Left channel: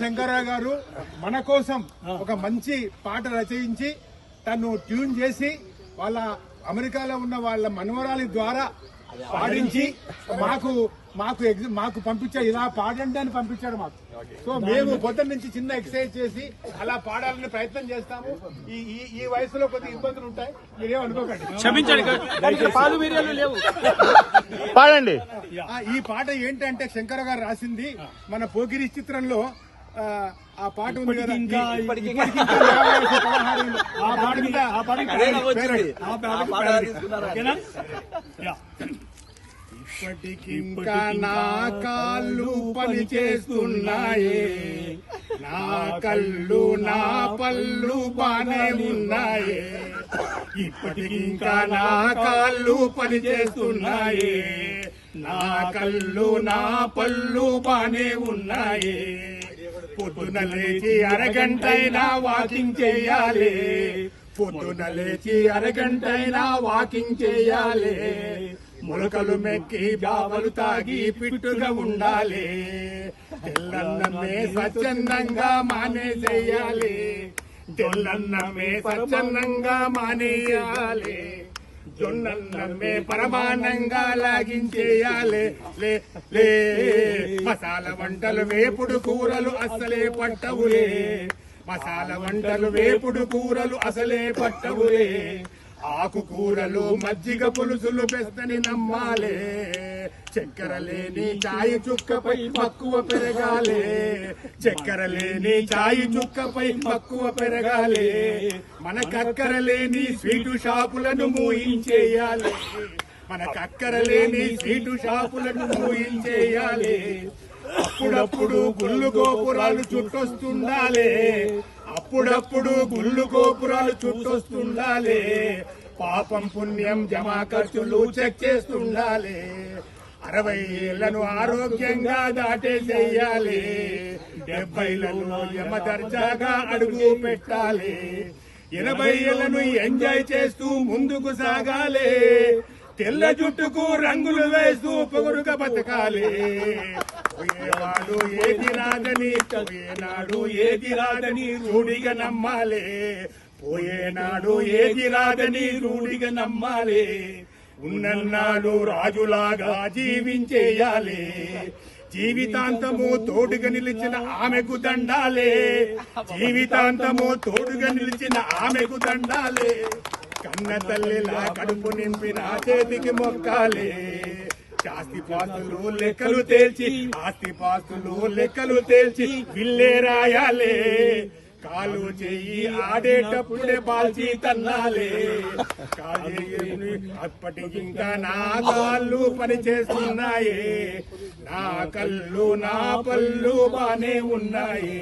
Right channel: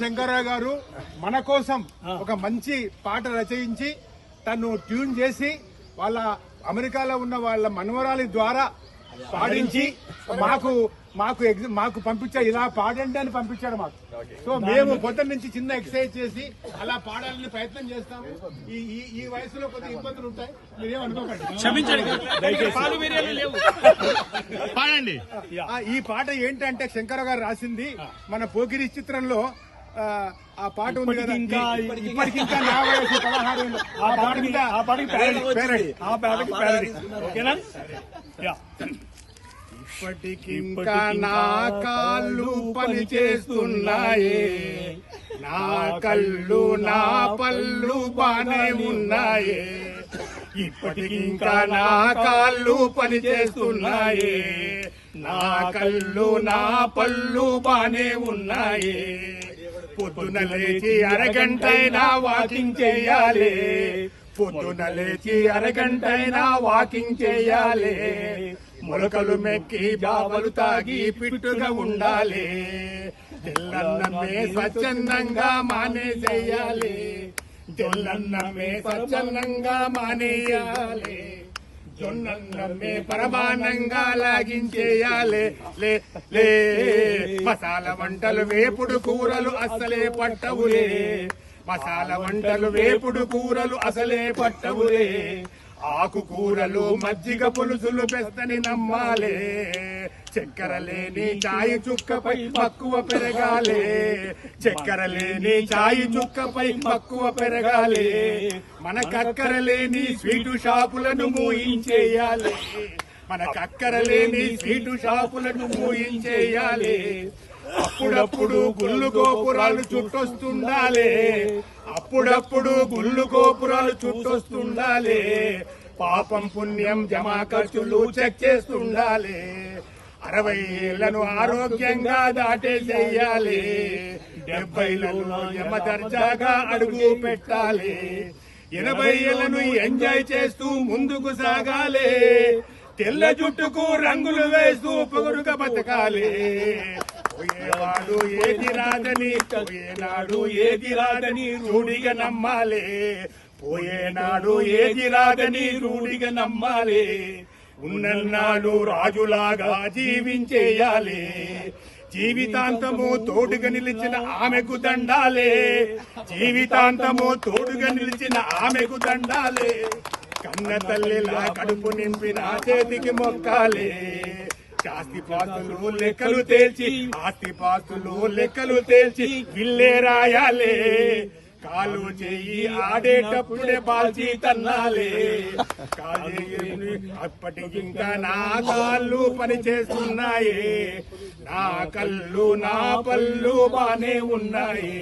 శంకరరావు గారు మన కోసం ఒక మంచి పాట రచయించి తను ట్యూన్ చేసి వాళ్ళ అమెరికాలో ఉన్న వాళ్ళ మనవరాలి ద్వారా పాడించి మాకు పంపించారు. ఇలా పాడండి అని పంపించాడు మాకు. సో మేము పొద్దున్న నుంచి చిన్న ఎక్సర్సైజ్ చేసి అలా పాడాలని ప్రయత్నం చేస్తాము. ఈ వయసులో కొద్దిగా ఇబ్బందులు ఉంటాయి, మీరేమనుకోకండి, క్షమించండి. పాడండి. ఈ పాట ఏంటంటే శంకర గారు రాసింది. మన పోకిరి చిత్రంలో ఆ పాట ఉంది కదా, ఇప్పటికింకా ఇప్పటికింకా నా కాళ్ళు పని చేస్తున్నాయే, నా కళ్ళు నా పళ్ళు బానే ఉన్నాయే. ఇప్పటికింకా నా కాళ్ళు పని చేస్తున్నాయే, నా కళ్ళు నా పళ్ళు బానే ఉన్నాయే. పొద్దున లేచి అరగంటైనా వాకింగ్ చేయాలి, పొద్దున లేచి అరగంటైనా వాకింగ్ చేయాలి. మొలకలు మెక్కి బావలు తాగి పిట్టుగా ఉండాలి. తెల్లన్నమే స్వచ్ఛందంగా మానేసేయాలి, తెల్లన్నమే స్వచ్ఛందంగా మానేయాలి. జొన్నన్నమే పరమానంగా లాగించేయాలి. లే మసాలా వంటలు వేపుడు కూరలు అసలే పట్టవులే, మసాలా వంటలు వేపుడు కూరలు అసలే పట్టవులే. ఆకుకూరలు మజ్జిగ పులుసులు పెస్తని నమ్మాలే, చక్కెర లేని చాయి చుక్కపై మక్కువ పెరగాలే, చక్కెర లేని చాయి చుక్కపై మక్కువ పెరగాలే. మన కక్కర లేని స్వీటు షాపులను మూయించేయాలి, మన కక్కర లేని స్వీటు షాపులను మూయించేయాలి. అప్పుడప్పుడు గుళ్ళు గోపురాలు చుట్టొస్తుండాలి, అప్పుడప్పుడు గుళ్ళు గోపురాలు చుట్టొస్తుండాలి. పాపం పుణ్యం జమా ఖర్చులు చెక్ చేస్తుండాలి. 60 ఏళ్లను ఆరోగ్యంగా దాటేసేయాలి, 70లను యమ దర్జాగా అడుగు పెట్టాలి. 80 ఏళ్లను ఎంజాయ్ చేస్తూ ముందుకు సాగాలి, తెల్ల జుట్టుకు రంగులు వేస్తూ పొగరుగా బతకాలి. పోయేవాడు ఏది రాదని, పోయేనాడు ఏది రాదని రూఢిగా నమ్మాలి, పోయేనాడు ఏది రాదని రూఢిగా నమ్మాలి. ఉన్నన్నాడు రాజులాగా జీవించేయాలి, జీవితాంతము తోడుగా నిలిచిన ఆమెకు దండాలే, జీవితాంతము తోడుగా నిలిచిన ఆమెకు దండాలే. కన్న తల్లిలా కడుపు నింపిన చేతికి మొక్కాలే. ఆస్తిపాస్తులు లెక్కలు తేల్చి, ఆస్తిపాస్తులు లెక్కలు తేల్చి విల్లే రాయాలే. కాలు చెయ్యి ఆడేటప్పుడే బాల్చి తన్నాలే. అప్పటికింకా నా కాళ్ళు పని చేస్తున్నాయే, నా కళ్ళు నా పళ్ళు బానే ఉన్నాయి.